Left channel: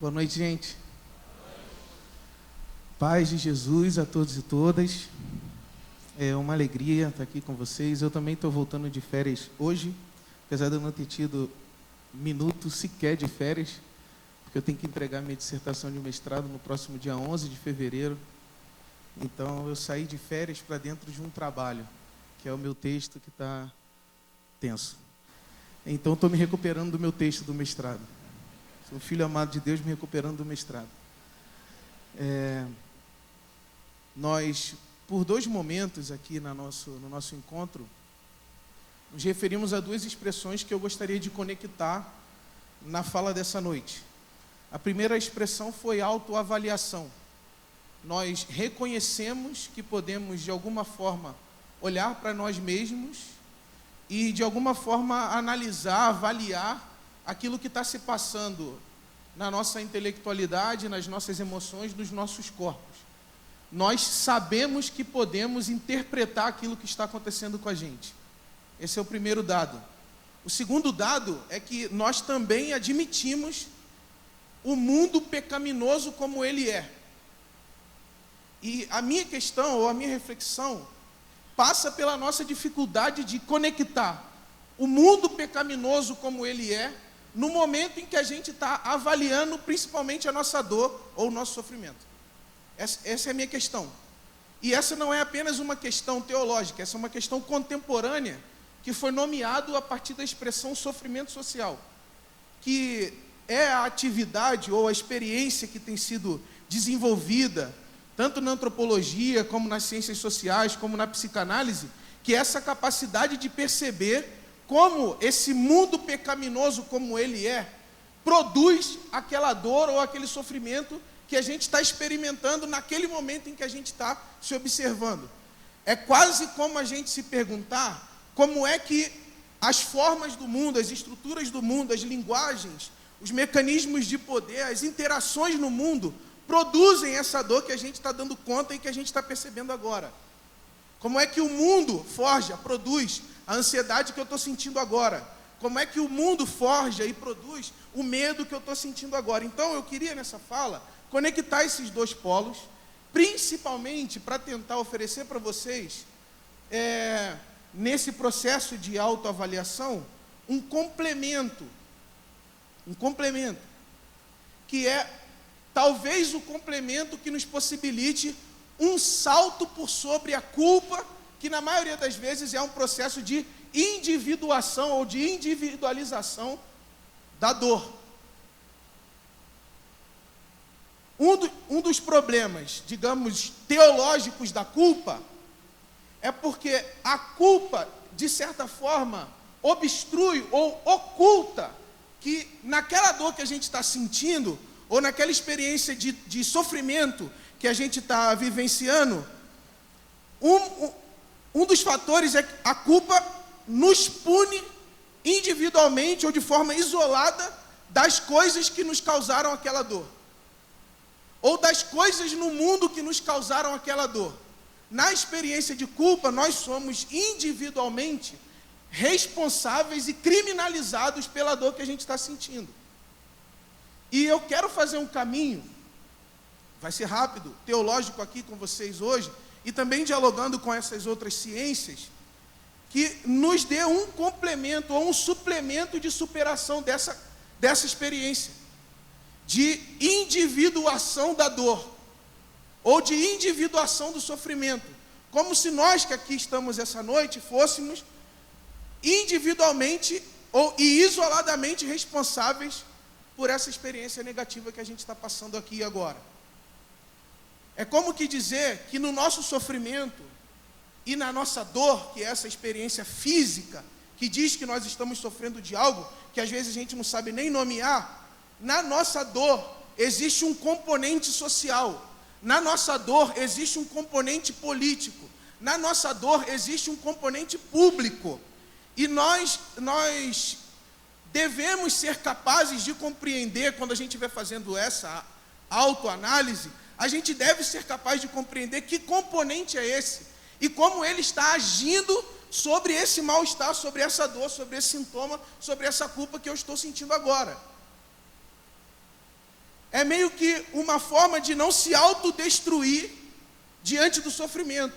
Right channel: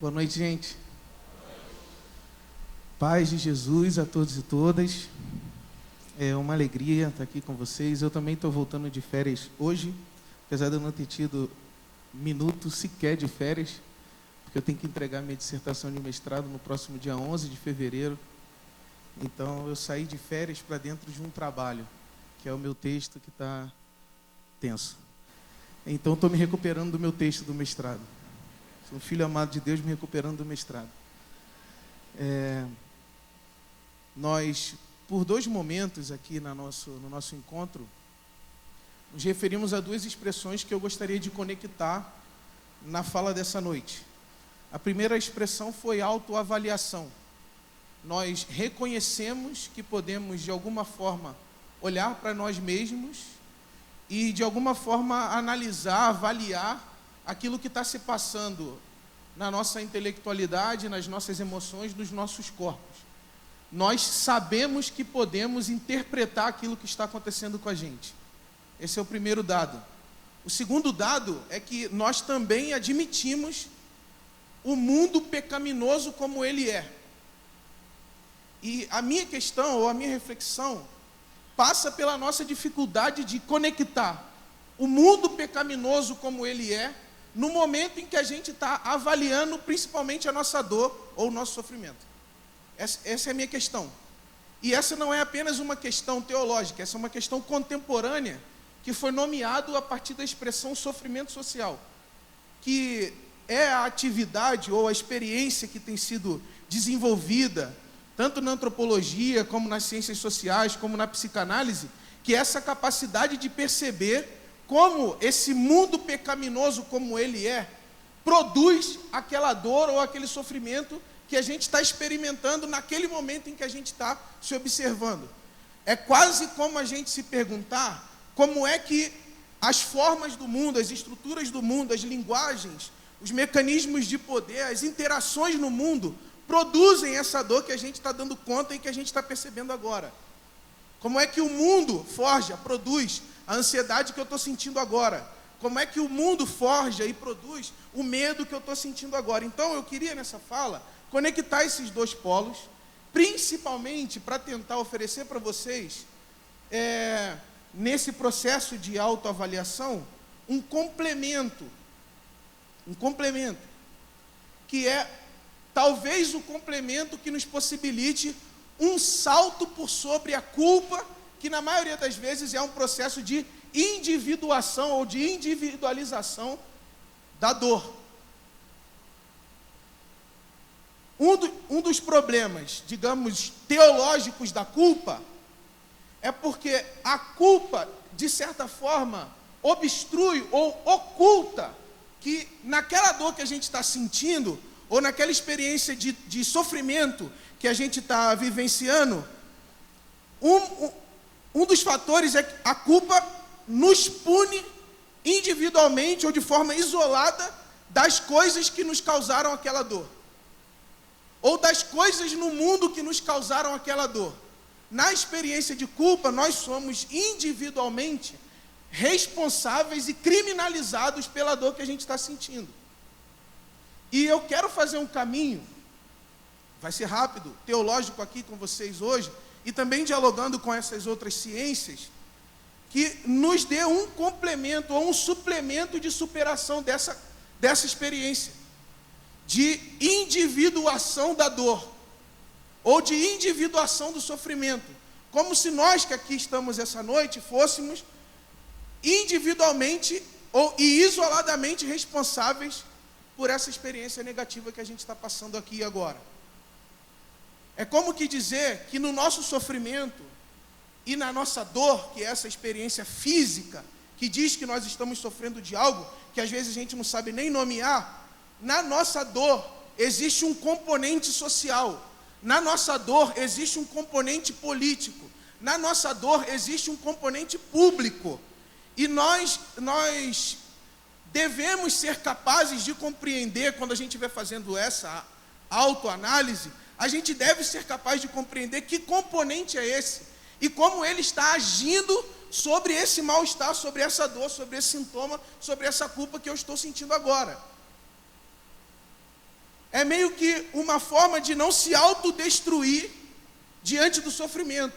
Boa noite, gente. Paz de Jesus a todos e todas. É uma alegria estar aqui com vocês. Eu também estou voltando de férias hoje, apesar de eu não ter tido minuto sequer de férias, porque eu tenho que entregar minha dissertação de mestrado no próximo dia 11 de fevereiro. Então, eu saí de férias para dentro de um trabalho, que é o meu texto que está tenso. Então, estou me recuperando do meu texto do mestrado. Sou um filho amado de Deus me recuperando do mestrado. Nós, por dois momentos aqui no nosso encontro, nos referimos a duas expressões que eu gostaria de conectar na fala dessa noite. A primeira expressão foi autoavaliação. Nós reconhecemos que podemos, de alguma forma, olhar para nós mesmos e, de alguma forma, analisar, avaliar aquilo que está se passando na nossa intelectualidade, nas nossas emoções, nos nossos corpos. Nós sabemos que podemos interpretar aquilo que está acontecendo com a gente. Esse é o primeiro dado. O segundo dado é que nós também admitimos o mundo pecaminoso como ele é. E a minha questão, ou a minha reflexão, passa pela nossa dificuldade de conectar o mundo pecaminoso como ele é, no momento em que a gente está avaliando principalmente a nossa dor ou o nosso sofrimento. Essa é a minha questão. E essa não é apenas uma questão teológica, essa é uma questão contemporânea, que foi nomeado a partir da expressão sofrimento social, que é a atividade ou a experiência que tem sido desenvolvida, tanto na antropologia, como nas ciências sociais, como na psicanálise, que é essa capacidade de perceber como esse mundo pecaminoso como ele é, produz aquela dor ou aquele sofrimento que a gente está experimentando naquele momento em que a gente está se observando. É quase como a gente se perguntar como é que as formas do mundo, as estruturas do mundo, as linguagens, os mecanismos de poder, as interações no mundo produzem essa dor que a gente está dando conta e que a gente está percebendo agora. Como é que o mundo forja, produz a ansiedade que eu estou sentindo agora? Como é que o mundo forja e produz o medo que eu estou sentindo agora? Então, eu queria nessa fala conectar esses dois polos, principalmente para tentar oferecer para vocês, nesse processo de autoavaliação, um complemento, que é talvez o complemento que nos possibilite um salto por sobre a culpa, que na maioria das vezes é um processo de individuação ou de individualização da dor. Um dos problemas, digamos, teológicos da culpa, é porque a culpa, de certa forma, obstrui ou oculta que naquela dor que a gente está sentindo, ou naquela experiência de sofrimento que a gente está vivenciando, um dos fatores é que a culpa nos pune individualmente ou de forma isolada das coisas que nos causaram aquela dor, ou das coisas no mundo que nos causaram aquela dor. Na experiência de culpa, nós somos individualmente responsáveis e criminalizados pela dor que a gente está sentindo. E eu quero fazer um caminho, vai ser rápido, teológico aqui com vocês hoje, e também dialogando com essas outras ciências, que nos dê um complemento ou um suplemento de superação dessa experiência, de individuação da dor, ou de individuação do sofrimento, como se nós que aqui estamos essa noite fôssemos individualmente e isoladamente responsáveis por essa experiência negativa que a gente está passando aqui e agora. É como que dizer que no nosso sofrimento e na nossa dor, que é essa experiência física, que diz que nós estamos sofrendo de algo que às vezes a gente não sabe nem nomear, na nossa dor existe um componente social, na nossa dor existe um componente político, na nossa dor existe um componente público, e nós devemos ser capazes de compreender, quando a gente estiver fazendo essa autoanálise, a gente deve ser capaz de compreender que componente é esse e como ele está agindo sobre esse mal-estar, sobre essa dor, sobre esse sintoma, sobre essa culpa que eu estou sentindo agora. é meio que uma forma de não se autodestruir diante do sofrimento,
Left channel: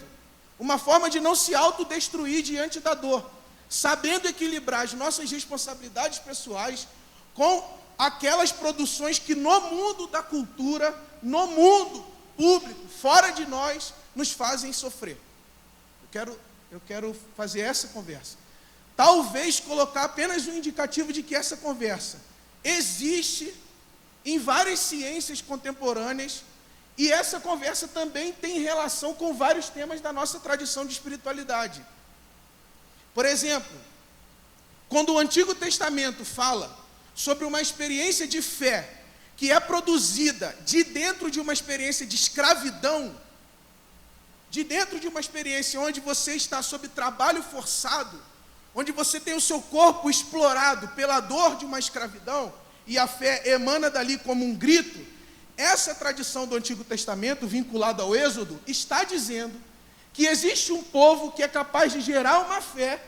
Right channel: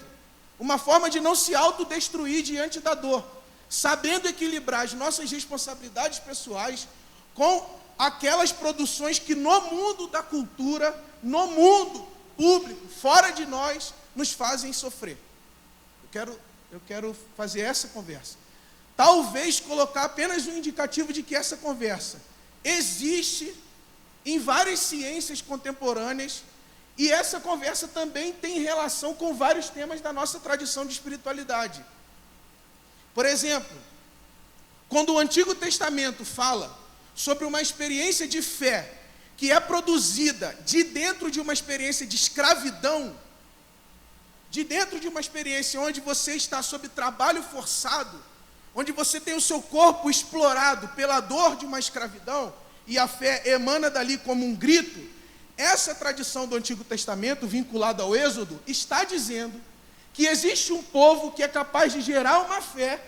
uma forma de não se autodestruir diante da dor, sabendo equilibrar as nossas responsabilidades pessoais com aquelas produções que no mundo da cultura, no mundo público, fora de nós, nos fazem sofrer. Eu quero fazer essa conversa. Talvez colocar apenas um indicativo de que essa conversa existe em várias ciências contemporâneas, e essa conversa também tem relação com vários temas da nossa tradição de espiritualidade. Por exemplo, quando o Antigo Testamento fala sobre uma experiência de fé que é produzida de dentro de uma experiência de escravidão, de dentro de uma experiência onde você está sob trabalho forçado, onde você tem o seu corpo explorado pela dor de uma escravidão, e a fé emana dali como um grito, essa tradição do Antigo Testamento, vinculada ao Êxodo, está dizendo que existe um povo que é capaz de gerar uma fé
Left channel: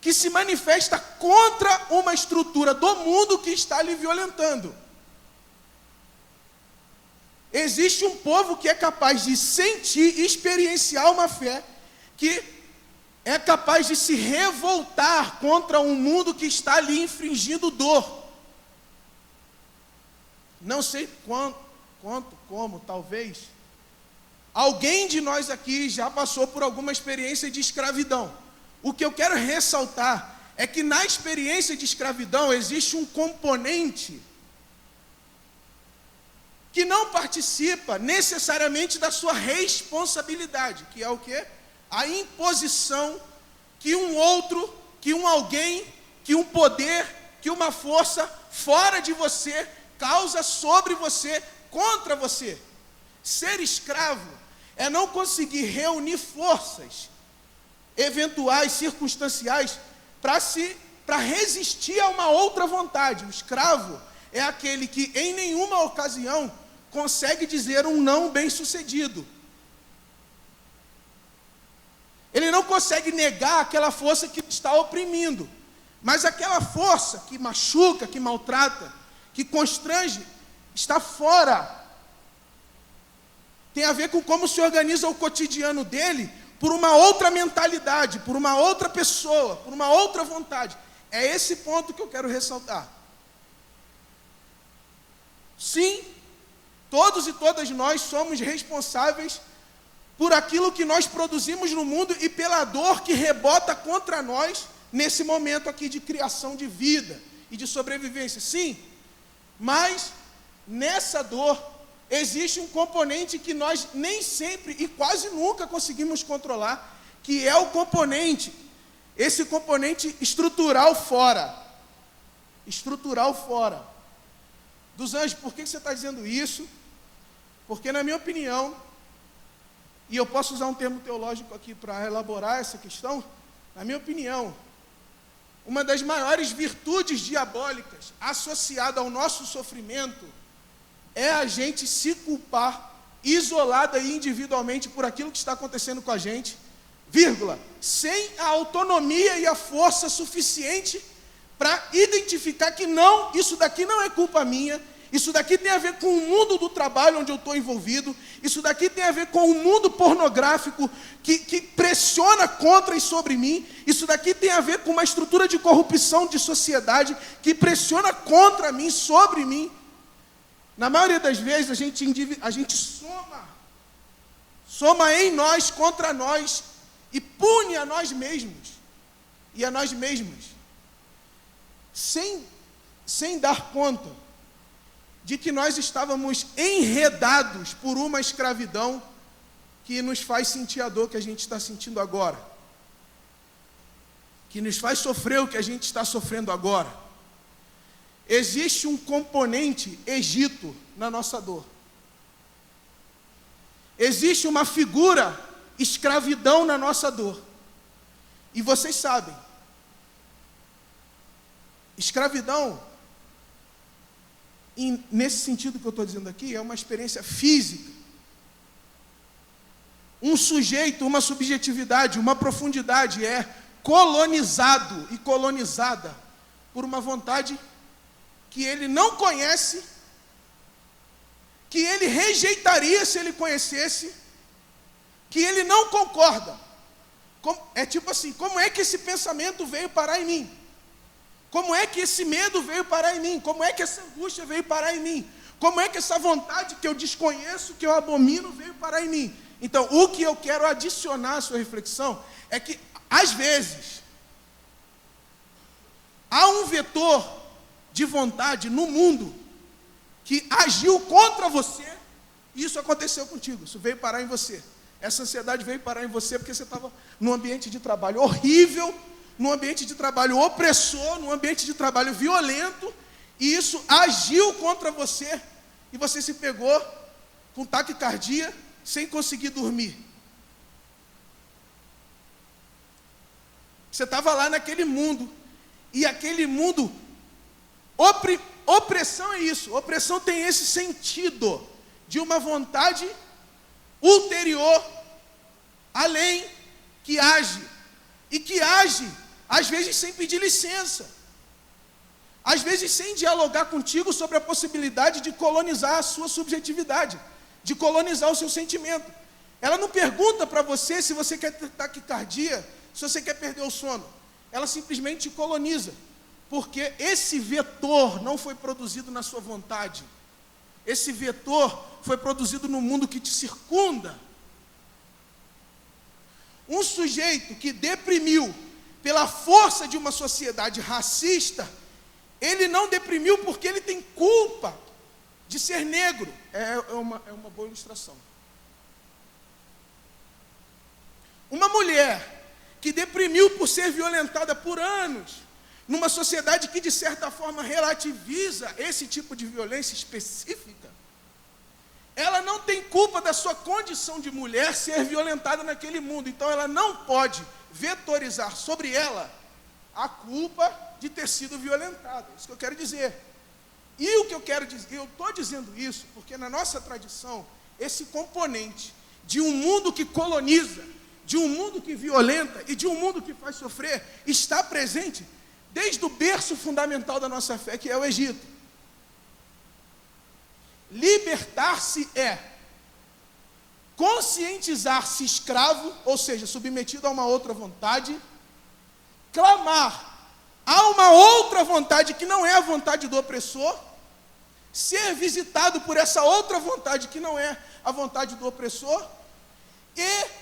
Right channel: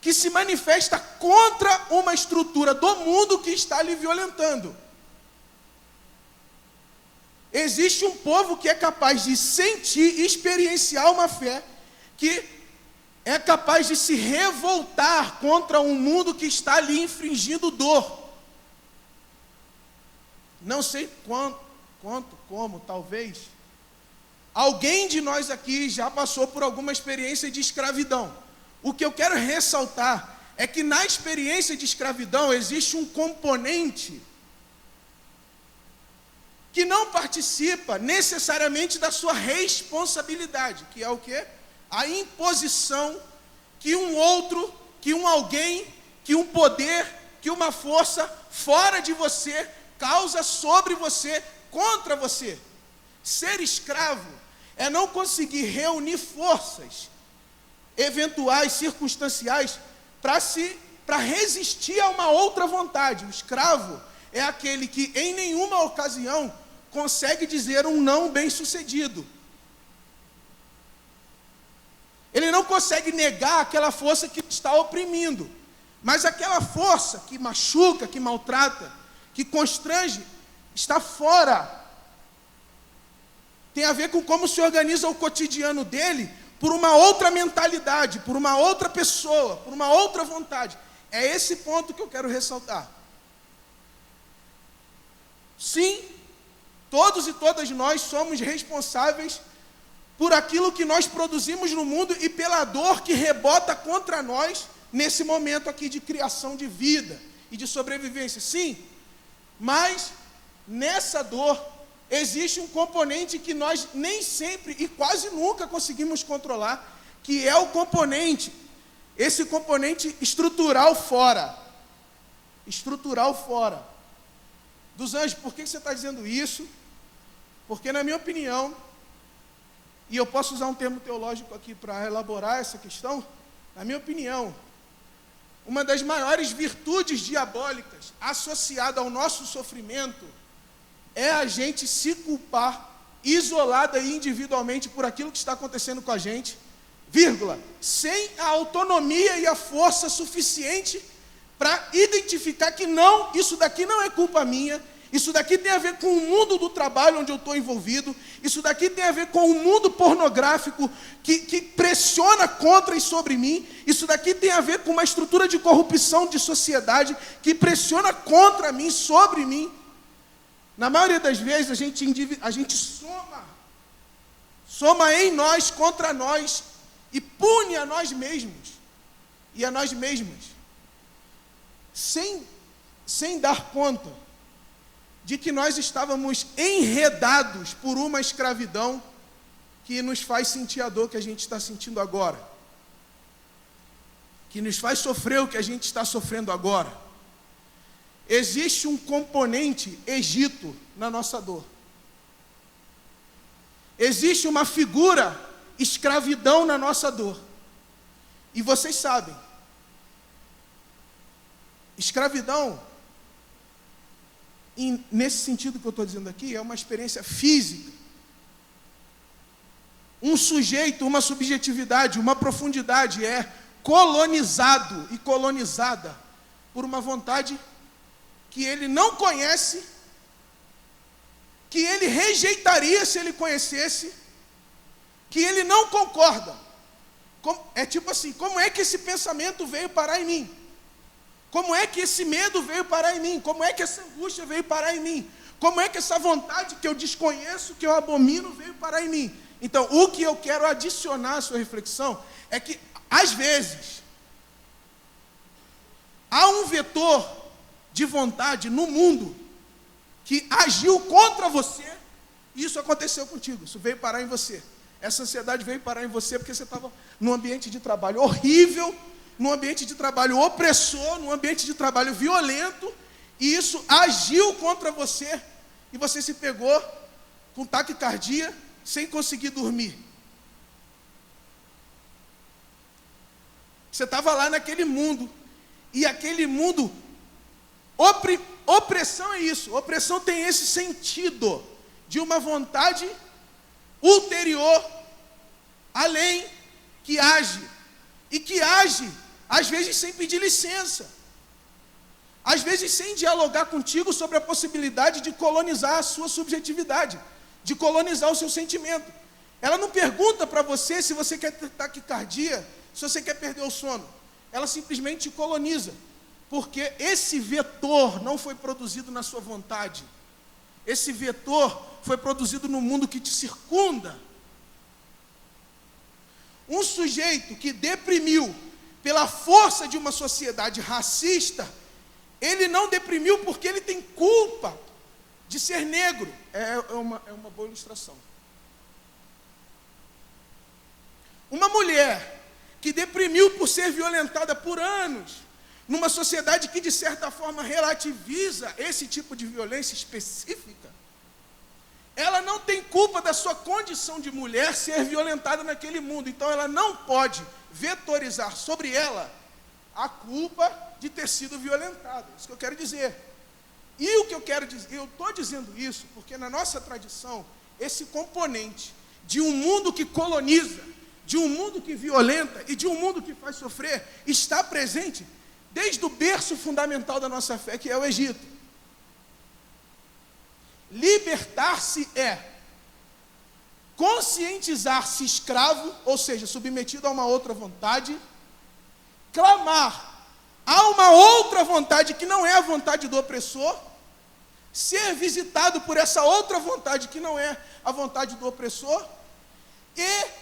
que se manifesta contra uma estrutura do mundo que está lhe violentando. Existe um povo que é capaz de sentir e experienciar uma fé que é capaz de se revoltar contra um mundo que está lhe infringindo dor. Não sei como, talvez, alguém de nós aqui já passou por alguma experiência de escravidão. O que eu quero ressaltar é que na experiência de escravidão existe um componente que não participa necessariamente da sua responsabilidade, que é o quê? A imposição que um outro, que um alguém, que um poder, que uma força fora de você causa sobre você, contra você. Ser escravo é não conseguir reunir forças eventuais, circunstanciais, para resistir a uma outra vontade. O escravo é aquele que em nenhuma ocasião consegue dizer um não bem-sucedido. Ele não consegue negar aquela força que está oprimindo, mas aquela força que machuca, que maltrata, que constrange, está fora. Tem a ver com como se organiza o cotidiano dele por uma outra mentalidade, por uma outra pessoa, por uma outra vontade. É esse ponto que eu quero ressaltar. Sim, todos e todas nós somos responsáveis por aquilo que nós produzimos no mundo e pela dor que rebota contra nós nesse momento aqui de criação de vida e de sobrevivência. Sim, mas nessa dor existe um componente que nós nem sempre e quase nunca conseguimos controlar, que é o componente, esse componente estrutural fora. Estrutural fora. Dos Anjos, por que você está dizendo isso? Porque, na minha opinião, e eu posso usar um termo teológico aqui para elaborar essa questão, na minha opinião, uma das maiores virtudes diabólicas associada ao nosso sofrimento é a gente se culpar isolada e individualmente por aquilo que está acontecendo com a gente, vírgula, sem a autonomia e a força suficiente para identificar que não, isso daqui não é culpa minha, isso daqui tem a ver com o mundo do trabalho onde eu estou envolvido, isso daqui tem a ver com o mundo pornográfico que pressiona contra e sobre mim, isso daqui tem a ver com uma estrutura de corrupção de sociedade que pressiona contra mim, sobre mim. Na maioria das vezes a gente soma em nós contra nós e pune a nós mesmos e a nós mesmas, sem dar conta de que nós estávamos enredados por uma escravidão que nos faz sentir a dor que a gente está sentindo agora, que nos faz sofrer o que a gente está sofrendo agora. Existe um componente Egito na nossa dor. Existe uma figura escravidão na nossa dor. E vocês sabem, escravidão, nesse sentido que eu estou dizendo aqui, é uma experiência física. Um sujeito, uma subjetividade, uma profundidade é colonizado e colonizada por uma vontade que ele não conhece que ele rejeitaria se ele conhecesse, que ele não concorda. É tipo assim, como é que esse pensamento veio parar em mim? Como é que esse medo veio parar em mim? Como é que essa angústia veio parar em mim? Como é que essa vontade que eu desconheço, que eu abomino, veio parar em mim? Então, o que eu quero adicionar à sua reflexão é que, às vezes, há um vetor de vontade no mundo que agiu contra você, e isso aconteceu contigo, isso veio parar em você. Essa ansiedade veio parar em você porque você estava num ambiente de trabalho horrível, num ambiente de trabalho opressor, num ambiente de trabalho violento, e isso agiu contra você, e você se pegou com taquicardia, sem conseguir dormir. Você estava lá naquele mundo, e aquele mundo, opressão é isso, opressão tem esse sentido, de uma vontade ulterior, além, que age, e que age, às vezes sem pedir licença, às vezes sem dialogar contigo sobre a possibilidade de colonizar a sua subjetividade, de colonizar o seu sentimento. Ela não pergunta para você se você quer ter taquicardia, se você quer perder o sono. Ela simplesmente te coloniza, porque esse vetor não foi produzido na sua vontade. Esse vetor foi produzido no mundo que te circunda. Um sujeito que deprimiu pela força de uma sociedade racista, ele não deprimiu porque ele tem culpa de ser negro. É uma boa ilustração. Uma mulher que deprimiu por ser violentada por anos, numa sociedade que de certa forma relativiza esse tipo de violência específica, ela não tem culpa da sua condição de mulher ser violentada naquele mundo. Então ela não pode vetorizar sobre ela a culpa de ter sido violentada. Isso que eu quero dizer. E o que eu quero dizer, eu estou dizendo isso porque na nossa tradição, esse componente de um mundo que coloniza, de um mundo que violenta e de um mundo que faz sofrer, está presente desde o berço fundamental da nossa fé, que é o Egito. Libertar-se é conscientizar-se escravo, ou seja, submetido a uma outra vontade, clamar a uma outra vontade que não é a vontade do opressor, ser visitado por essa outra vontade que não é a vontade do opressor, e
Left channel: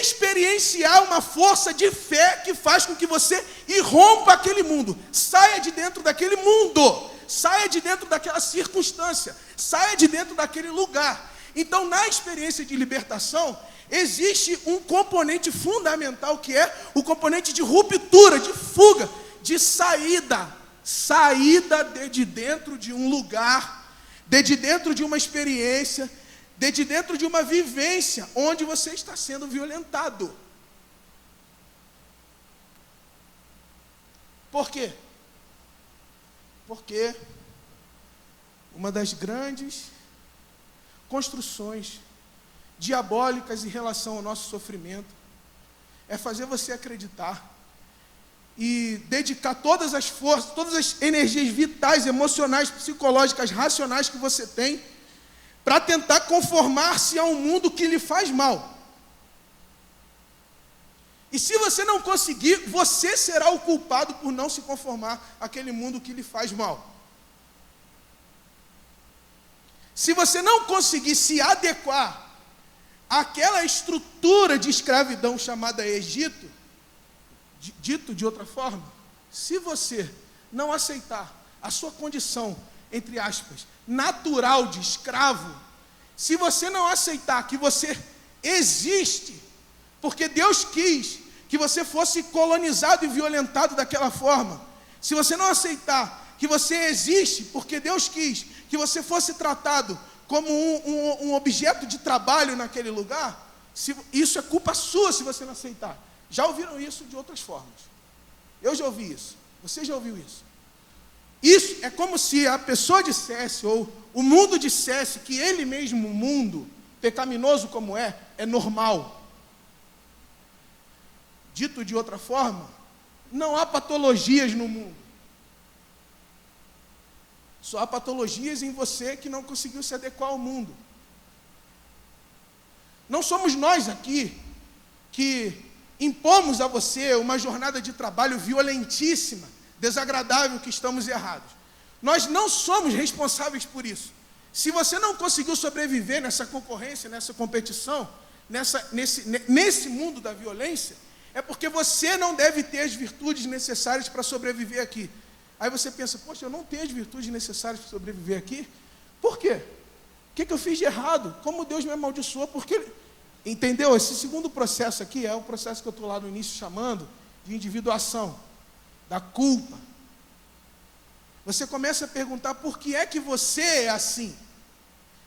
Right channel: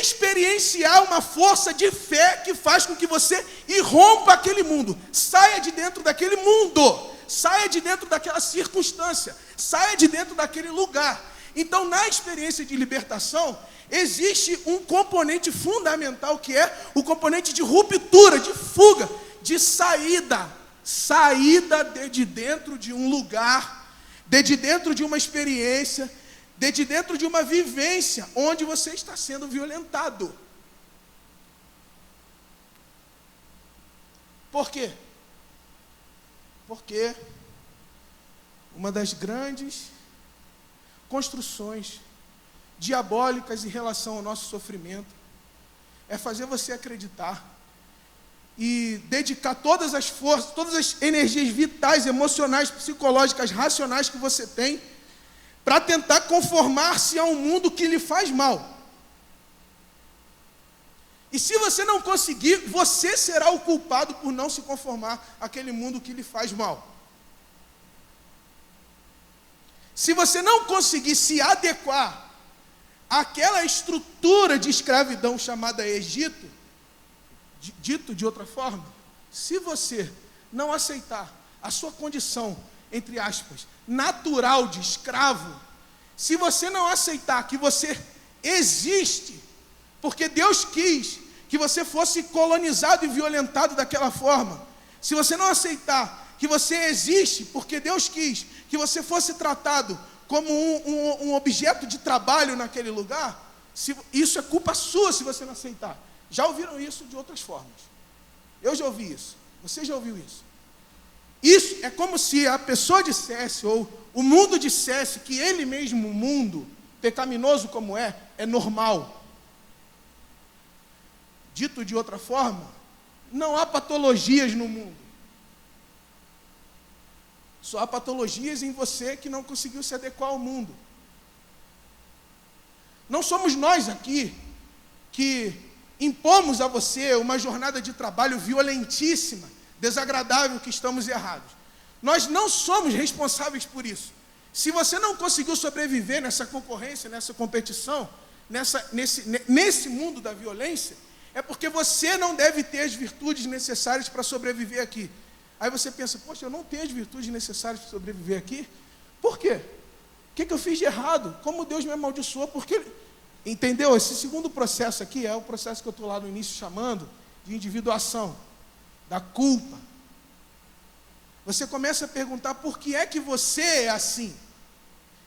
experienciar uma força de fé que faz com que você irrompa aquele mundo, saia de dentro daquele mundo, saia de dentro daquela circunstância, saia de dentro daquele lugar. Então, na experiência de libertação, existe um componente fundamental que é o componente de ruptura, de fuga, de saída de dentro de um lugar, de dentro de uma experiência, de dentro de uma vivência onde você está sendo violentado. Por quê? Porque uma das grandes construções diabólicas em relação ao nosso sofrimento é fazer você acreditar e dedicar todas as forças, todas as energias vitais, emocionais, psicológicas, racionais que você tem para tentar conformar-se a um mundo que lhe faz mal. E se você não conseguir, você será o culpado por não se conformar àquele mundo que lhe faz mal. Se você não conseguir se adequar àquela estrutura de escravidão chamada Egito, dito de outra forma, se você não aceitar a sua condição, entre aspas, natural de escravo, se você não aceitar que você existe, porque Deus quis que você fosse colonizado e violentado daquela forma, se você não aceitar que você existe, porque Deus quis que você fosse tratado como um objeto de trabalho naquele lugar, isso é culpa sua se você não aceitar. Já ouviram isso de outras formas? Eu já ouvi isso. Você já ouviu isso? Isso é como se a pessoa dissesse, ou o mundo dissesse, que ele mesmo, o mundo, pecaminoso como é normal. Dito de outra forma, não há patologias no mundo. Só há patologias em você que não conseguiu se adequar ao mundo. Não somos nós aqui que impomos a você uma jornada de trabalho violentíssima, desagradável, que estamos errados. Nós não somos responsáveis por isso. Se você não conseguiu sobreviver nessa concorrência, nessa competição, nesse mundo da violência, é porque você não deve ter as virtudes necessárias para sobreviver aqui. Aí você pensa, poxa, eu não tenho as virtudes necessárias para sobreviver aqui? Por quê? O que eu fiz de errado? Como Deus me amaldiçoou? Porque, entendeu? Esse segundo processo aqui é o processo que eu estou lá no início chamando de individuação, da culpa. Você começa a perguntar por que é que você é assim.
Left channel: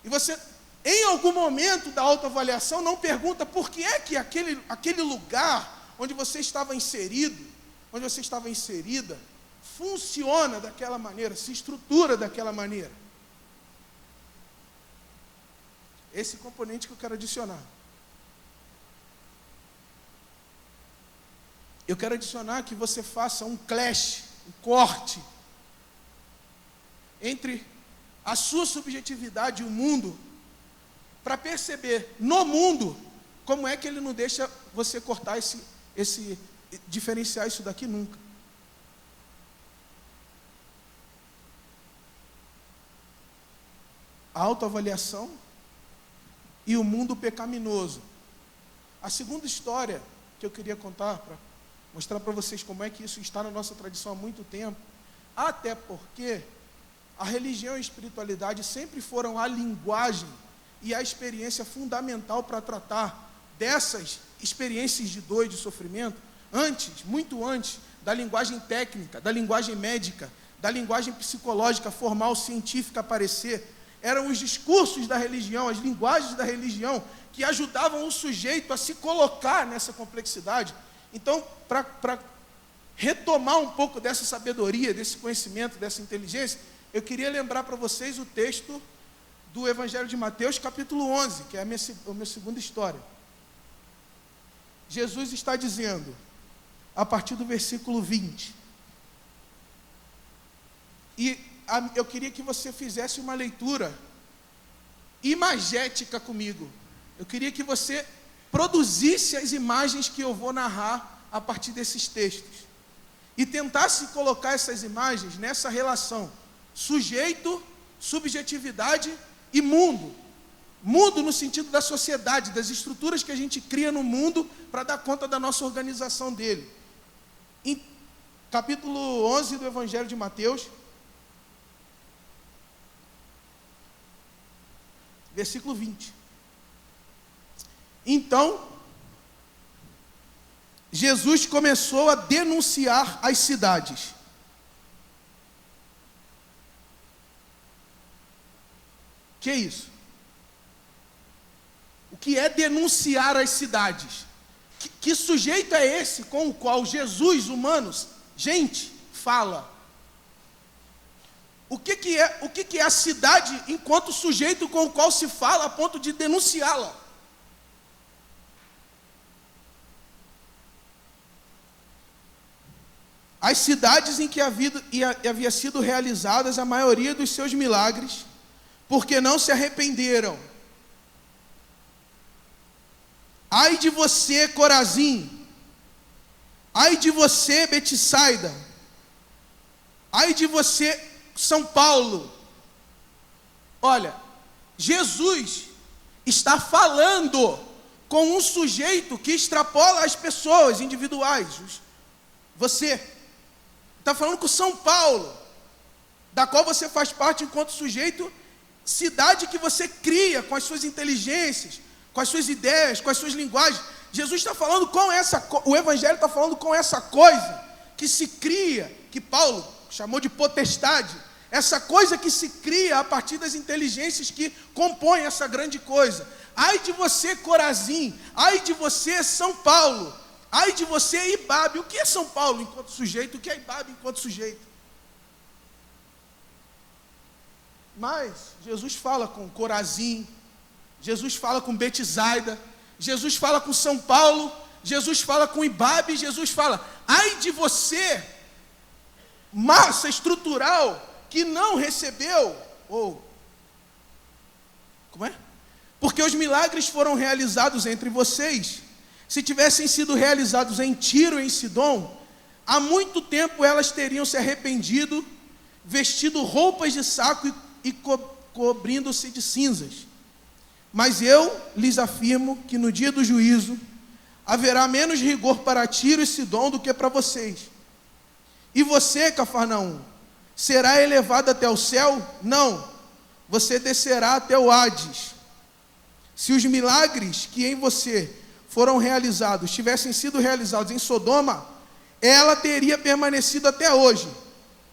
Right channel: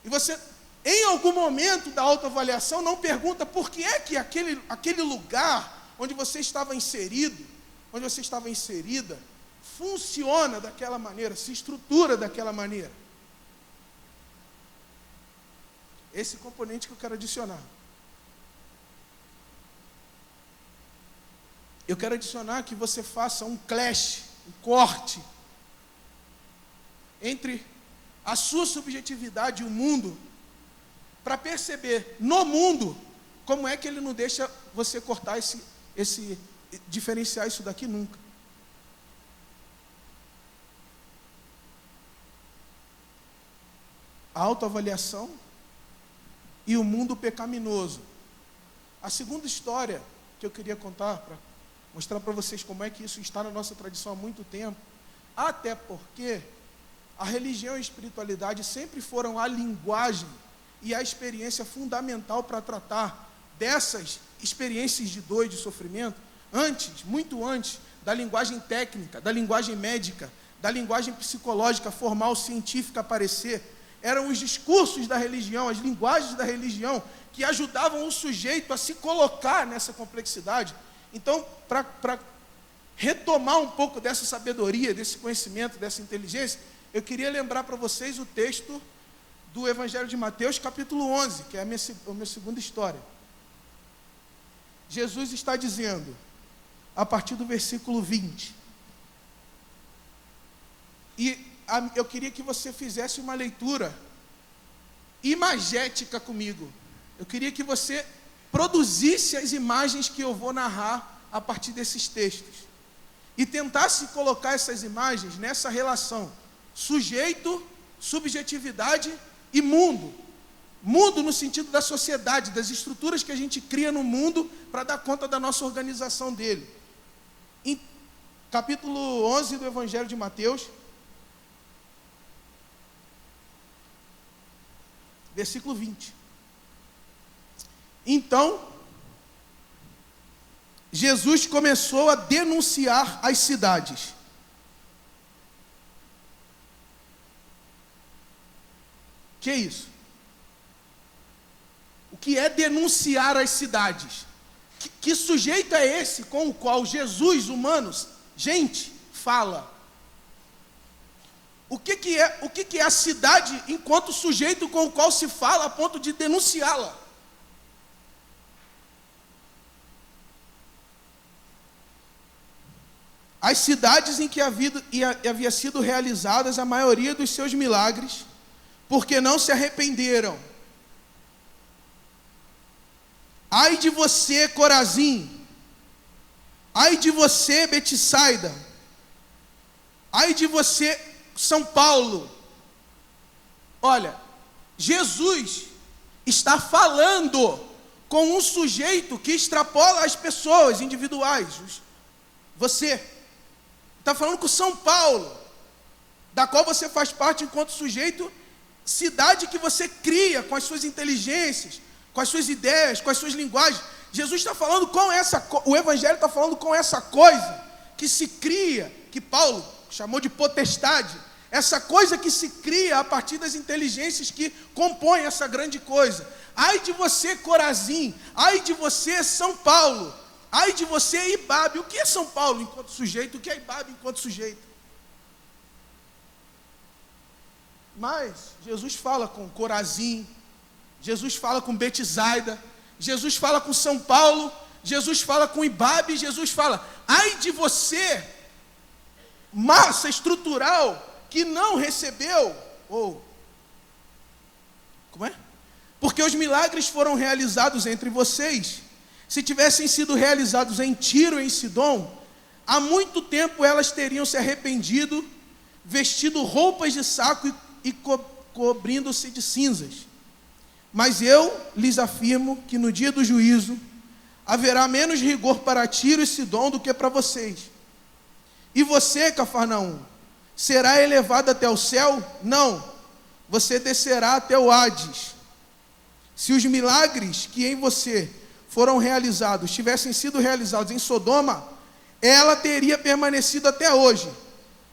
E você, em algum momento da autoavaliação, não pergunta por que é que aquele lugar onde você estava inserido, onde você estava inserida, funciona daquela maneira, se estrutura daquela maneira. Esse componente que eu quero adicionar. Eu quero adicionar que você faça um clash, um corte, entre a sua subjetividade e o mundo, para perceber no mundo como é que ele não deixa você cortar diferenciar isso daqui nunca. A autoavaliação e o mundo pecaminoso. A segunda história que eu queria contar, para mostrar para vocês como é que isso está na nossa tradição há muito tempo, até porque a religião e a espiritualidade sempre foram a linguagem e a experiência fundamental para tratar dessas experiências de dor e de sofrimento, muito antes da linguagem técnica, da linguagem médica, da linguagem psicológica, formal, científica aparecer. Eram os discursos da religião, as linguagens da religião, que ajudavam o sujeito a se colocar nessa complexidade. Então, para retomar um pouco dessa sabedoria, desse conhecimento, dessa inteligência, eu queria lembrar para vocês o texto do Evangelho de Mateus, capítulo 11, que é a minha segunda história. Jesus está dizendo, a partir do versículo 20, e eu queria que você fizesse uma leitura imagética comigo. Eu queria que você produzisse as imagens que eu vou narrar a partir desses textos. E tentasse colocar essas imagens nessa relação sujeito, subjetividade e mundo. Mundo no sentido da sociedade, das estruturas que a gente cria no mundo para dar conta da nossa organização dele. Em capítulo 11 do Evangelho de Mateus, versículo 20. Então, Jesus começou a denunciar as cidades. Que é isso? O que é denunciar as cidades? Que sujeito é esse com o qual Jesus, humanos, gente, fala? O que é a cidade enquanto sujeito com o qual se fala a ponto de denunciá-la? As cidades em que havia sido realizadas a maioria dos seus milagres, porque não se arrependeram. Ai de você, Corazim! Ai de você, Betsaida! Ai de você, São Paulo! Olha, Jesus está falando com um sujeito que extrapola as pessoas individuais. Você está falando com São Paulo, da qual você faz parte enquanto sujeito, cidade que você cria com as suas inteligências, com as suas ideias, com as suas linguagens. Jesus está falando o Evangelho está falando com essa coisa que se cria, que Paulo chamou de potestade, essa coisa que se cria a partir das inteligências que compõem essa grande coisa. Ai de você, Corazim! Ai de você, São Paulo! Ai de você, Ibabe! O que é São Paulo enquanto sujeito? O que é Ibabe enquanto sujeito? Mas Jesus fala com Corazim, Jesus fala com Betsaida, Jesus fala com São Paulo, Jesus fala com Ibabe, Jesus fala, ai de você, massa estrutural que não recebeu, porque os milagres foram realizados entre vocês. Se tivessem sido realizados em Tiro e em Sidom, há muito tempo elas teriam se arrependido, vestido roupas de saco e cobrindo-se de cinzas. Mas eu lhes afirmo que no dia do juízo haverá menos rigor para Tiro e Sidom do que para vocês. E você, Cafarnaum, será elevado até o céu? Não, você descerá até o Hades. Se os milagres que em você foram realizados tivessem sido realizados em Sodoma, ela teria permanecido até hoje.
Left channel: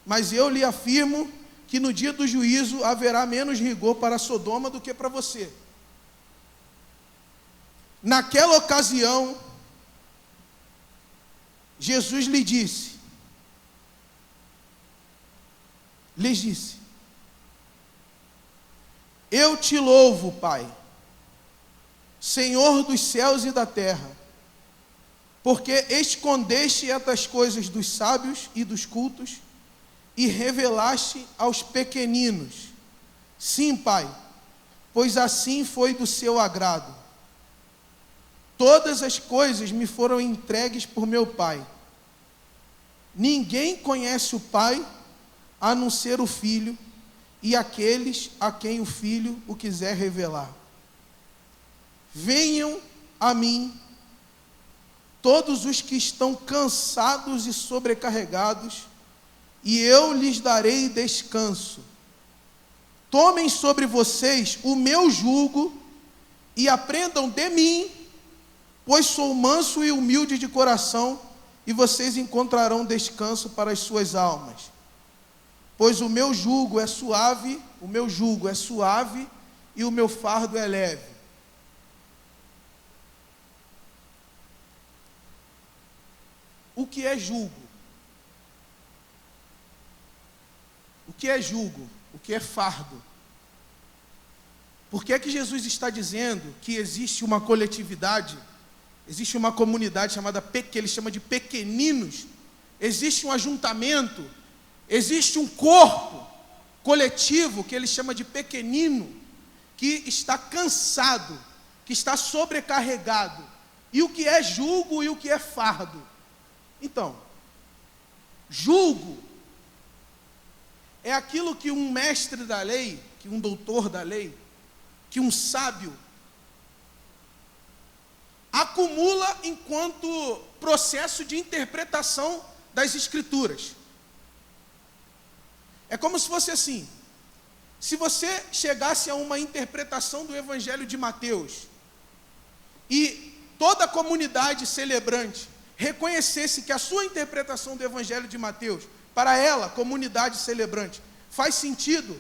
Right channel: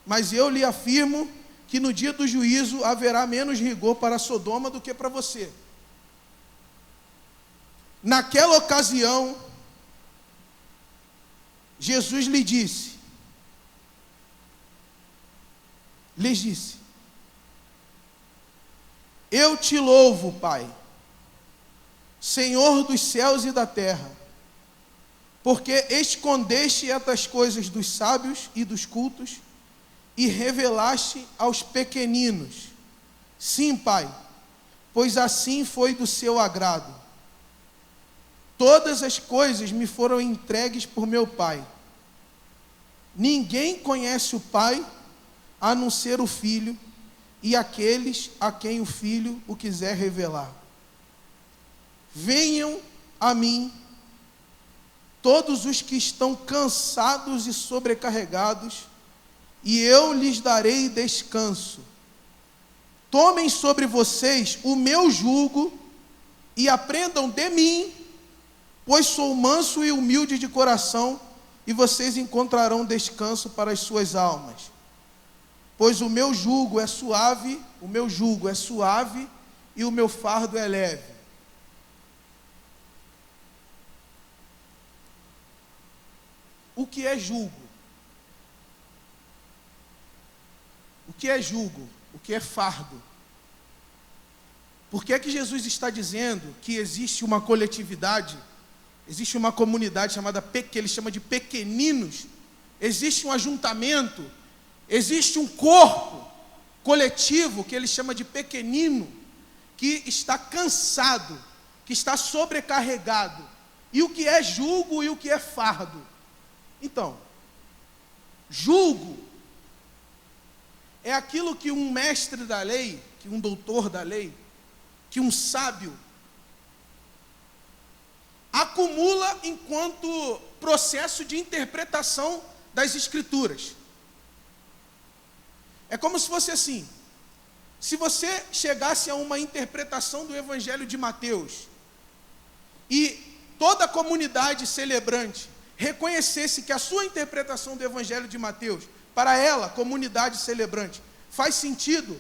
Mas eu lhe afirmo que no dia do juízo haverá menos rigor para Sodoma do que para você. Naquela ocasião, Jesus lhes disse, eu te louvo, Pai, Senhor dos céus e da terra, porque escondeste estas coisas dos sábios e dos cultos e revelaste aos pequeninos. Sim, Pai, pois assim foi do seu agrado. Todas as coisas me foram entregues por meu Pai. Ninguém conhece o Pai a não ser o Filho e aqueles a quem o Filho o quiser revelar. Venham a mim todos os que estão cansados e sobrecarregados, e eu lhes darei descanso. Tomem sobre vocês o meu jugo e aprendam de mim, pois sou manso e humilde de coração, e vocês encontrarão descanso para as suas almas. Pois o meu jugo é suave e o meu fardo é leve. O que é jugo? O que é jugo? O que é fardo? Por que é que Jesus está dizendo que existe uma coletividade, existe uma comunidade chamada, que ele chama de pequeninos, existe um ajuntamento, existe um corpo coletivo que ele chama de pequenino, que está cansado, que está sobrecarregado. E o que é jugo e o que é fardo? Então, jugo é aquilo que um mestre da lei, que um doutor da lei, que um sábio acumula enquanto processo de interpretação das escrituras. É como se fosse assim: se você chegasse a uma interpretação do Evangelho de Mateus e toda a comunidade celebrante reconhecesse que a sua interpretação do Evangelho de Mateus, para ela, comunidade celebrante, faz sentido,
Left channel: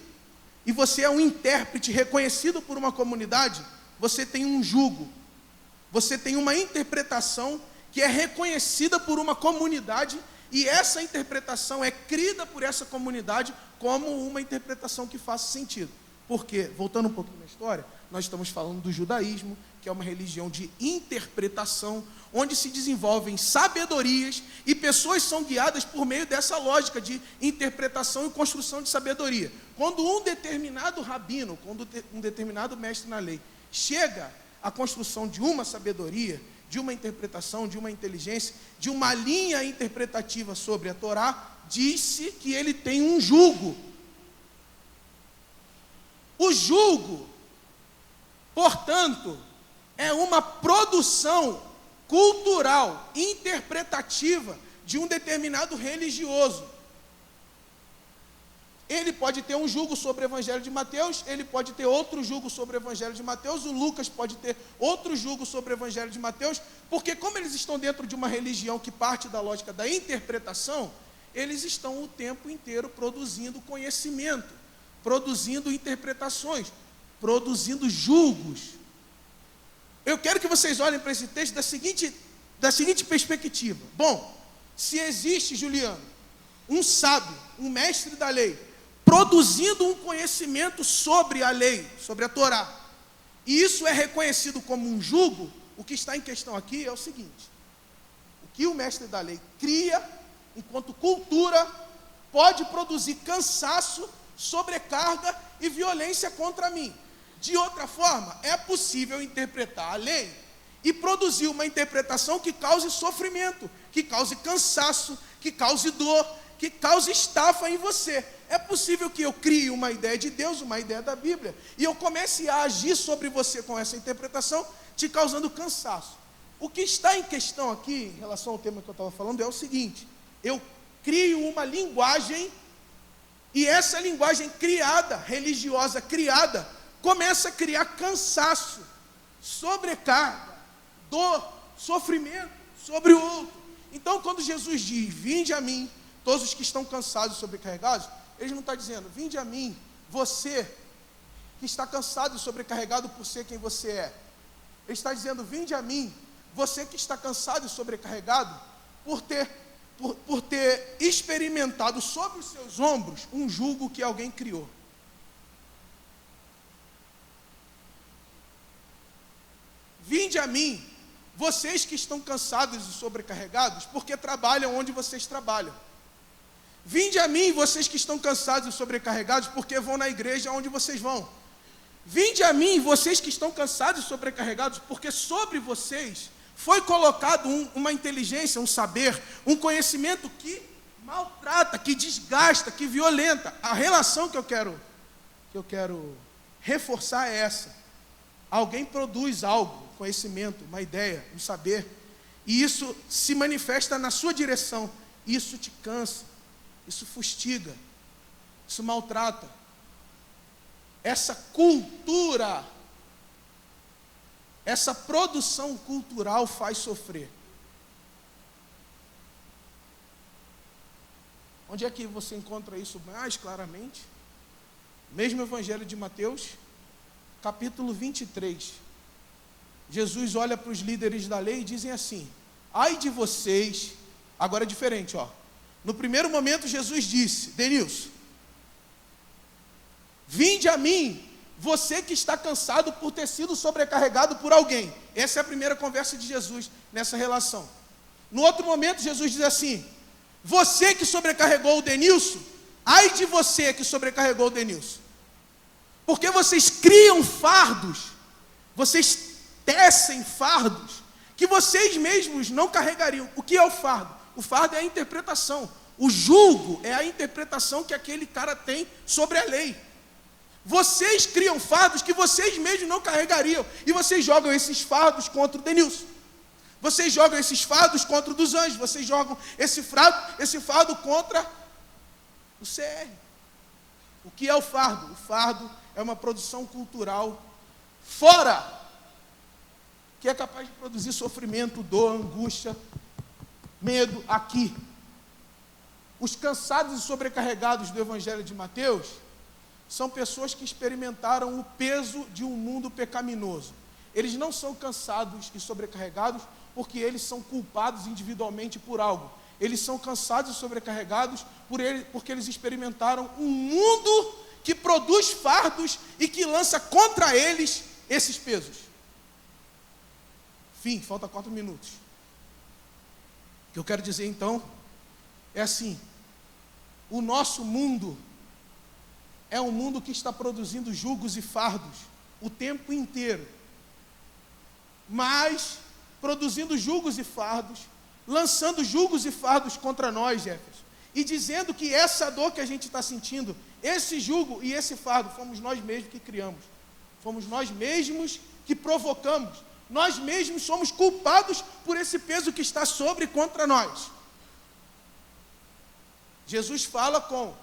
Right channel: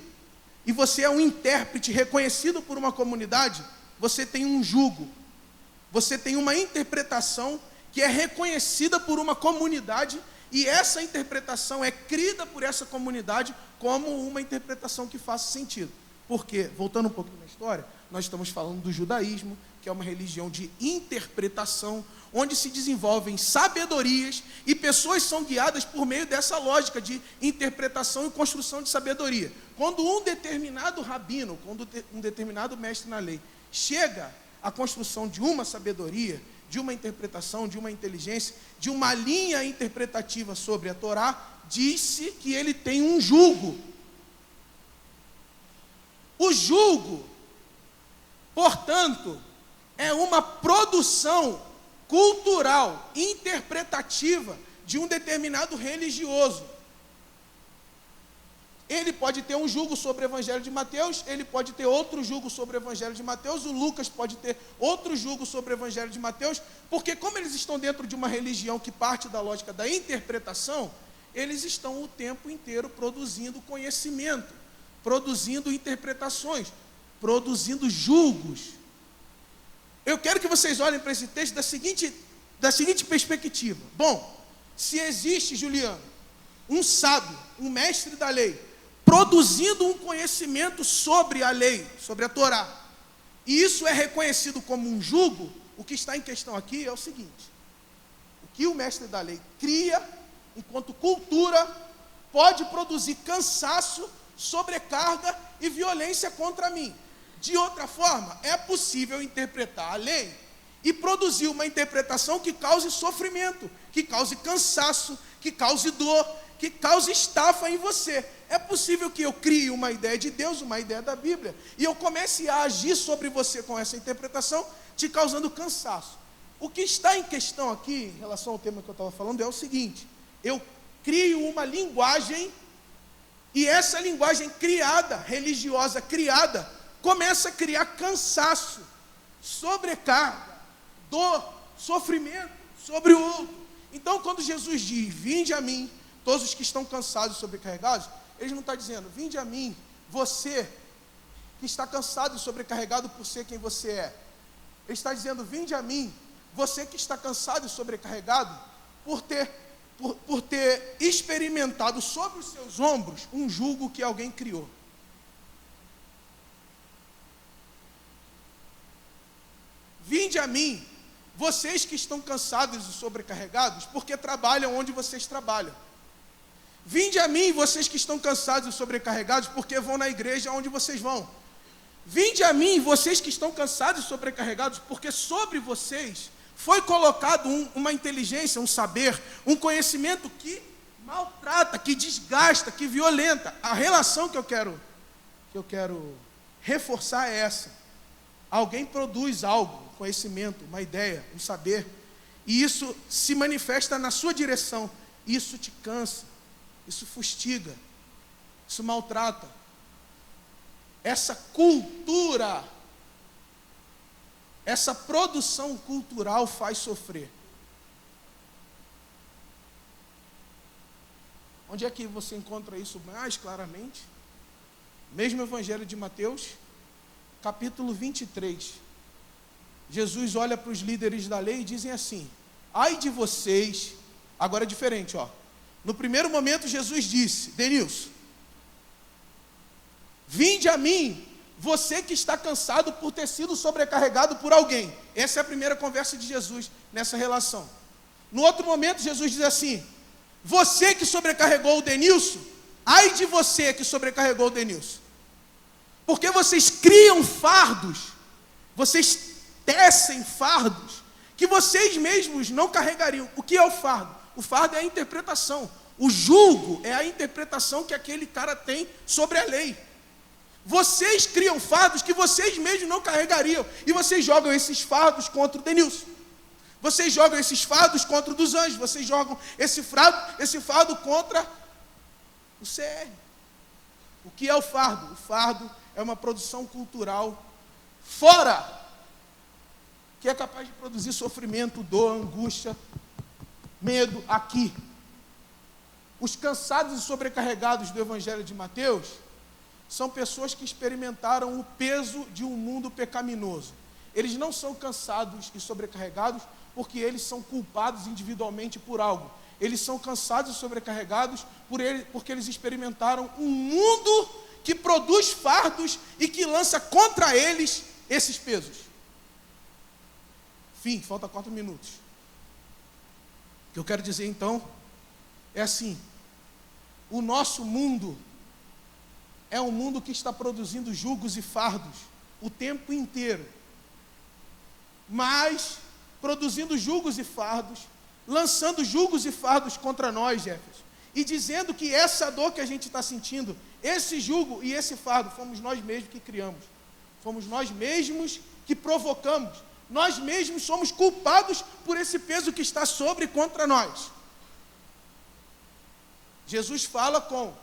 e você é um intérprete reconhecido por uma comunidade, você tem um jugo, você tem uma interpretação que é reconhecida por uma comunidade, e essa interpretação é crida por essa comunidade como uma interpretação que faça sentido. Porque, voltando um pouquinho na história, nós estamos falando do judaísmo, que é uma religião de interpretação, onde se desenvolvem sabedorias e pessoas são guiadas por meio dessa lógica de interpretação e construção de sabedoria. Quando um determinado rabino, quando um determinado mestre na lei chega à construção de uma sabedoria, de uma interpretação, de uma inteligência, de uma linha interpretativa sobre a Torá, disse que ele tem um jugo. O jugo, portanto, é uma produção cultural, interpretativa de um determinado religioso. Ele pode ter um jugo sobre o Evangelho de Mateus, ele pode ter outro jugo sobre o Evangelho de Mateus, o Lucas pode ter outro jugo sobre o Evangelho de Mateus, porque como eles estão dentro de uma religião que parte da lógica da interpretação, eles estão o tempo inteiro produzindo conhecimento, produzindo interpretações, produzindo julgos. Eu quero que vocês olhem para esse texto da seguinte perspectiva. Bom, se existe, Juliano, um sábio, um mestre da lei, produzindo um conhecimento sobre a lei, sobre a Torá, e isso é reconhecido como um jugo, o que está em questão aqui é o seguinte: o que o mestre da lei cria enquanto cultura pode produzir cansaço, sobrecarga e violência contra mim. De outra forma, é possível interpretar a lei e produzir uma interpretação que cause sofrimento, que cause cansaço, que cause dor, que cause estafa em você. É possível que eu crie uma ideia de Deus, uma ideia da Bíblia, e eu comece a agir sobre você com essa interpretação, te causando cansaço. O que está em questão aqui, em relação ao tema que eu estava falando, é o seguinte: eu crio uma linguagem, e essa linguagem criada, religiosa criada, começa a criar cansaço, sobrecarga, dor, sofrimento sobre o outro. Então, quando Jesus diz, vinde a mim, todos os que estão cansados e sobrecarregados, ele não está dizendo, vinde a mim, você que está cansado e sobrecarregado por ser quem você é. Ele está dizendo, vinde a mim, você que está cansado e sobrecarregado por ter experimentado sobre os seus ombros um jugo que alguém criou. Vinde a mim, vocês que estão cansados e sobrecarregados, porque trabalham onde vocês trabalham. Vinde a mim, vocês que estão cansados e sobrecarregados, porque vão na igreja onde vocês vão. Vinde a mim, vocês que estão cansados e sobrecarregados, porque sobre vocês foi colocado uma inteligência, um saber, um conhecimento que maltrata, que desgasta, que violenta. A relação que eu quero reforçar é essa. Alguém produz algo, conhecimento, uma ideia, um saber, e isso se manifesta na sua direção. Isso te cansa, isso fustiga, isso maltrata. Essa cultura, essa produção cultural faz sofrer. Onde é que você encontra isso mais claramente? Mesmo Evangelho de Mateus, capítulo 23. Jesus olha para os líderes da lei e dizem assim, ai de vocês, agora é diferente, ó. No primeiro momento Jesus disse, Denilson, vinde a mim, você que está cansado por ter sido sobrecarregado por alguém. Essa é a primeira conversa de Jesus nessa relação. No outro momento Jesus diz assim, você que sobrecarregou o Denilson, ai de você que sobrecarregou o Denilson. Porque vocês criam fardos, vocês tecem fardos, que vocês mesmos não carregariam. O que é o fardo? O fardo é a interpretação. O jugo é a interpretação que aquele cara tem sobre a lei. Vocês criam fardos que vocês mesmos não carregariam. E vocês jogam esses fardos contra o Denilson. Vocês jogam esses fardos contra o dos anjos. Vocês jogam esse fardo contra o CR. O que é o fardo? O fardo é uma produção cultural fora, que é capaz de produzir sofrimento, dor, angústia, medo aqui. Os cansados e sobrecarregados do Evangelho de Mateus são pessoas que experimentaram o peso de um mundo pecaminoso. Eles não são cansados e sobrecarregados porque eles são culpados individualmente por algo. Eles são cansados e sobrecarregados porque eles experimentaram um mundo que produz fardos e que lança contra eles esses pesos. Fim, falta 4 minutos. O que eu quero dizer então é assim, o nosso mundo é um mundo que está produzindo jugos e fardos o tempo inteiro, mas produzindo jugos e fardos, lançando jugos e fardos contra nós, Jefferson, e dizendo que essa dor que a gente está sentindo, esse jugo e esse fardo, fomos nós mesmos que criamos, fomos nós mesmos que provocamos, nós mesmos somos culpados por esse peso que está sobre e contra nós. Jesus fala com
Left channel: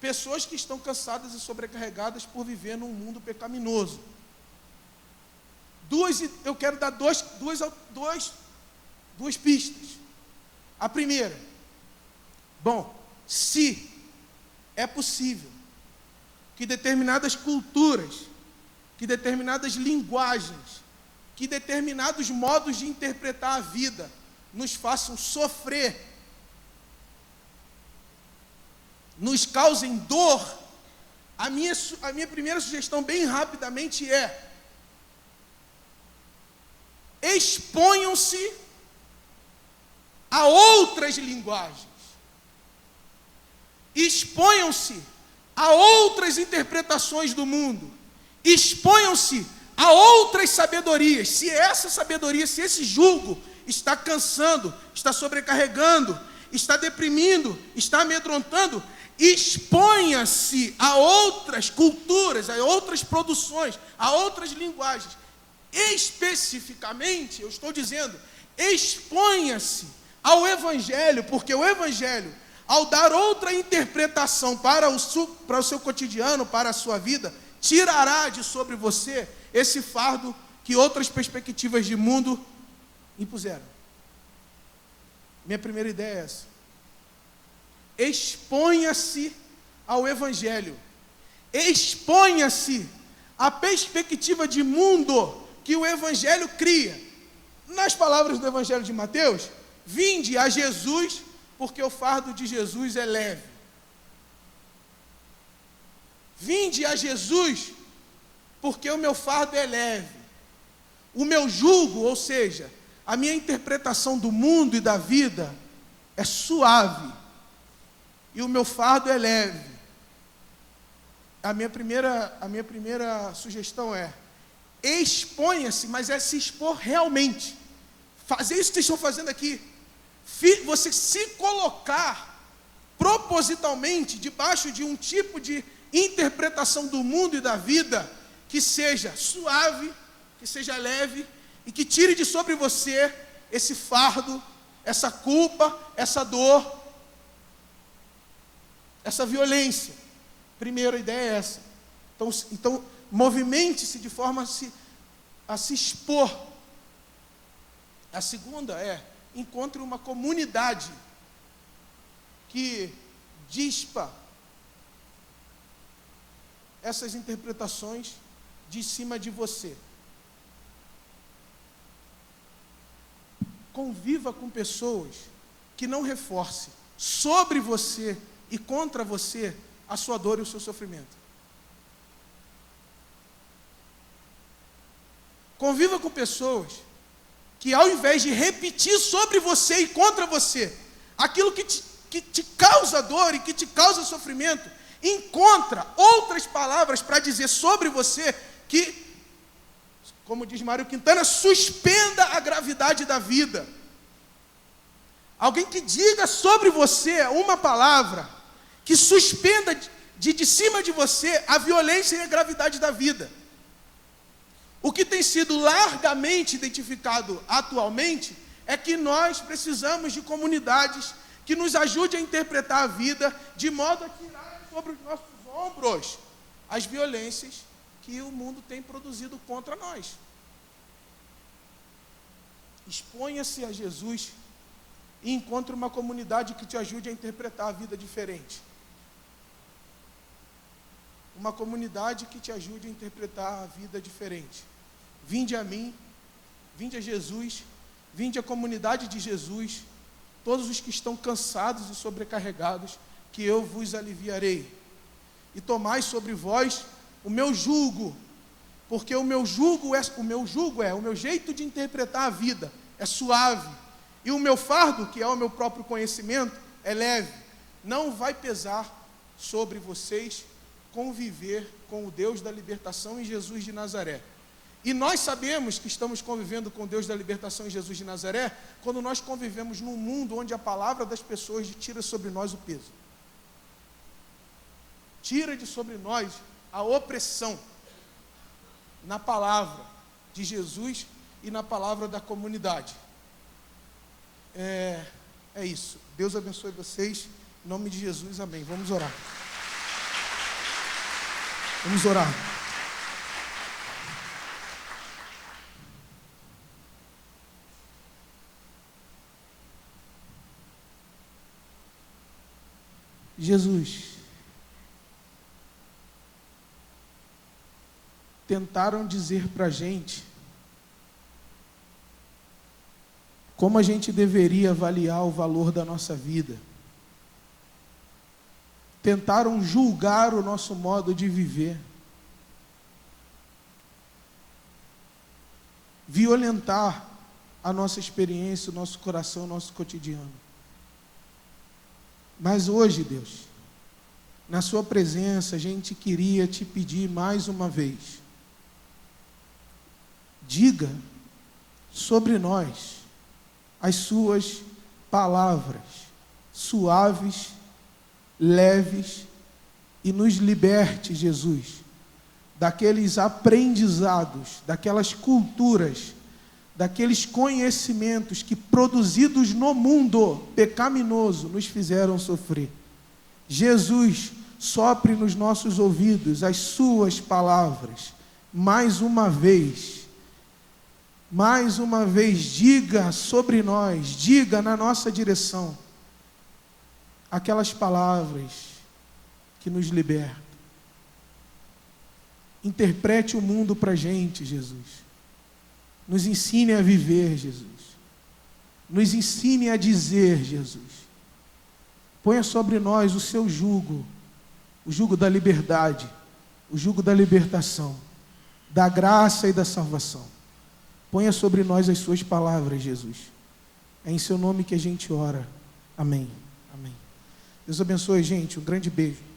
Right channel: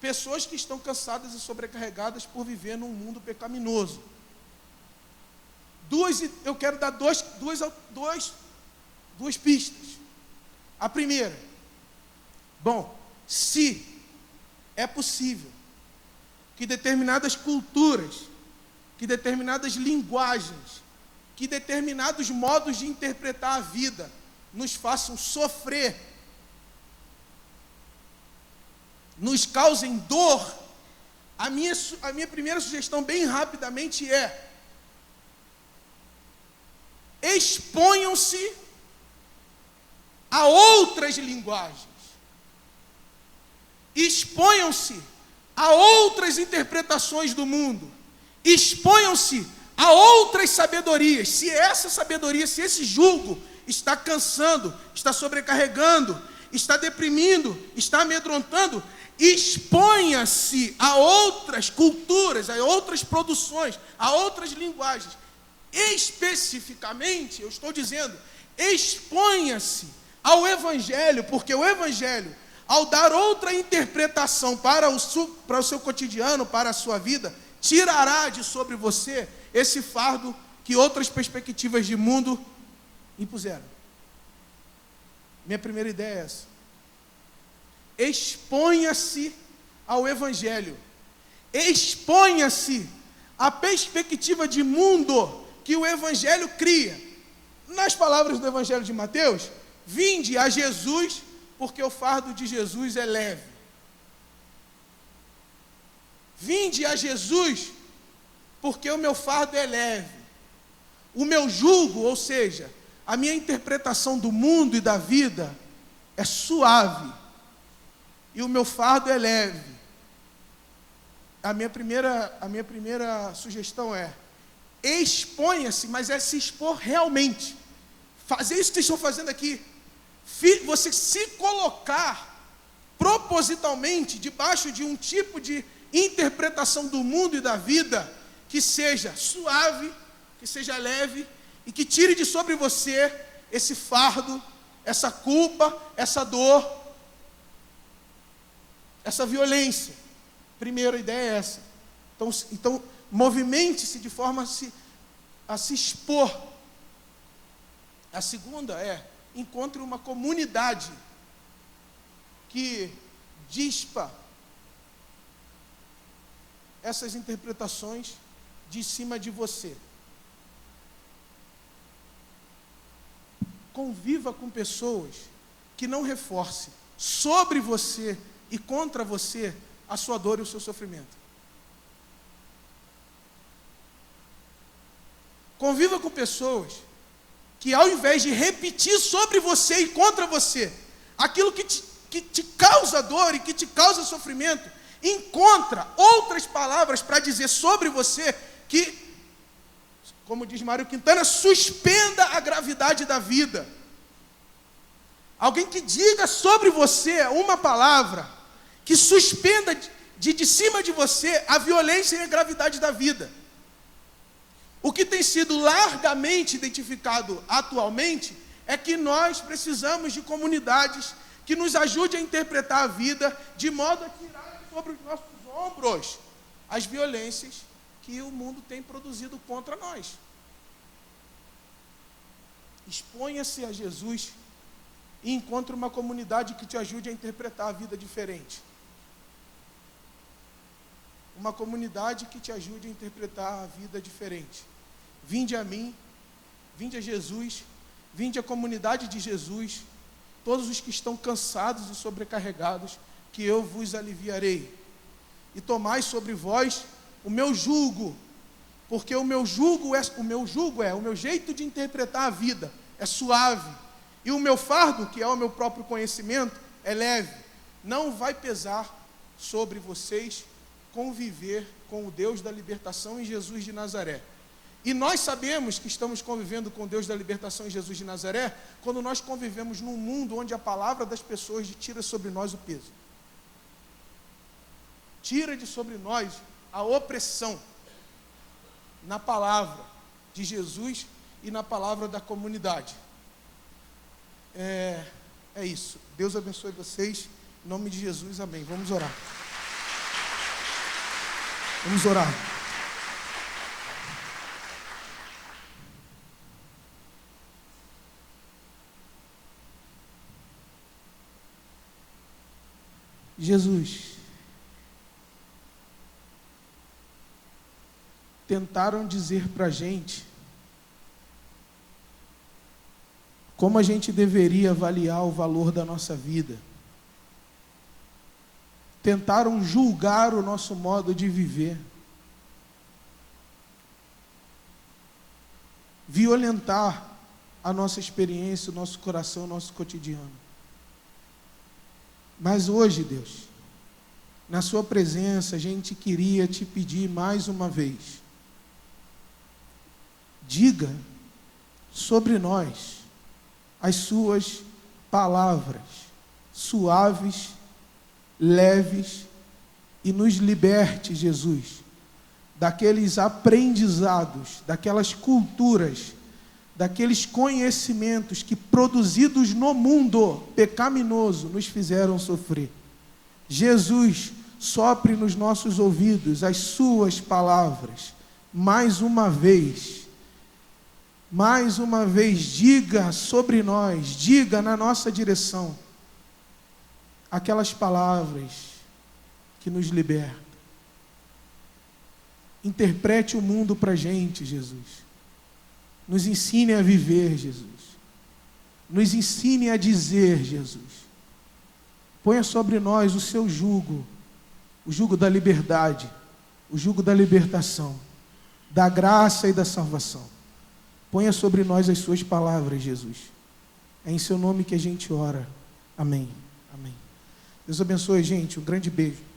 pessoas que estão cansadas e sobrecarregadas por viver num mundo pecaminoso. Eu quero dar duas pistas. A primeira, se é possível que determinadas culturas, que determinadas linguagens, que determinados modos de interpretar a vida nos façam sofrer, nos causem dor, a minha primeira sugestão, bem rapidamente, é: exponham-se a outras linguagens. Exponham-se a outras interpretações do mundo. Exponham-se a outras sabedorias. Se essa sabedoria, se esse jugo está cansando, está sobrecarregando, está deprimindo, está amedrontando, exponha-se a outras culturas, a outras produções, a outras linguagens. Especificamente, eu estou dizendo, exponha-se ao Evangelho, porque o Evangelho, ao dar outra interpretação para o seu cotidiano, para a sua vida, tirará de sobre você esse fardo que outras perspectivas de mundo impuseram. Minha primeira ideia é essa. Exponha-se ao Evangelho. Exponha-se à perspectiva de mundo que o Evangelho cria. Nas palavras do Evangelho de Mateus, vinde a Jesus, porque o fardo de Jesus é leve. Vinde a Jesus, porque o meu fardo é leve. O meu jugo, ou seja, a minha interpretação do mundo e da vida é suave. E o meu fardo é leve. A minha primeira sugestão é: exponha-se, mas é se expor realmente. Fazer isso que vocês estão fazendo aqui. Você se colocar propositalmente debaixo de um tipo de interpretação do mundo e da vida que seja suave, que seja leve e que tire de sobre você esse fardo, essa culpa, essa dor, essa violência. Primeira ideia é essa. Então movimente-se de forma a se expor. A segunda é: encontre uma comunidade que dispa essas interpretações de cima de você. Conviva com pessoas que não reforcem sobre você e contra você a sua dor e o seu sofrimento. Conviva com pessoas que, ao invés de repetir sobre você e contra você aquilo que te causa dor e que te causa sofrimento, encontra outras palavras para dizer sobre você que, como diz Mário Quintana, suspenda a gravidade da vida. Alguém que diga sobre você uma palavra que suspenda de cima de você a violência e a gravidade da vida. O que tem sido largamente identificado atualmente é que nós precisamos de comunidades que nos ajudem a interpretar a vida de modo a tirar sobre os nossos ombros as violências que o mundo tem produzido contra nós. Exponha-se a Jesus e encontre uma comunidade que te ajude a interpretar a vida diferente. Uma comunidade que te ajude a interpretar a vida diferente. Vinde a mim, vinde a Jesus, vinde à comunidade de Jesus, todos os que estão cansados e sobrecarregados, que eu vos aliviarei. E tomai sobre vós o meu jugo, porque o meu jeito de interpretar a vida é suave, e o meu fardo, que é o meu próprio conhecimento, é leve. Não vai pesar sobre vocês conviver com o Deus da libertação em Jesus de Nazaré. E nós sabemos que estamos convivendo com Deus da libertação em Jesus de Nazaré quando nós convivemos num mundo onde a palavra das pessoas tira sobre nós o peso. Tira de sobre nós a opressão na palavra de Jesus e na palavra da comunidade. É isso. Deus abençoe vocês. Em nome de Jesus, amém. Vamos orar. Vamos orar. Jesus, tentaram dizer para a gente como a gente deveria avaliar o valor da nossa vida. Tentaram julgar o nosso modo de viver. Violentar a nossa experiência, o nosso coração, o nosso cotidiano. Mas hoje, Deus, na sua presença, a gente queria te pedir mais uma vez, diga sobre nós as suas palavras suaves, leves, e nos liberte, Jesus, daqueles aprendizados, daquelas culturas, daqueles conhecimentos que, produzidos no mundo pecaminoso, nos fizeram sofrer. Jesus, sopre nos nossos ouvidos as suas palavras, mais uma vez, diga sobre nós, diga na nossa direção, aquelas palavras que nos libertam. Interprete o mundo para a gente, Jesus. Nos ensine a viver, Jesus. Nos ensine a dizer, Jesus. Ponha sobre nós o seu jugo, o jugo da liberdade, o jugo da libertação, da graça e da salvação. Ponha sobre nós as suas palavras, Jesus. É em seu nome que a gente ora. Amém. Amém. Deus abençoe, gente. Um grande beijo.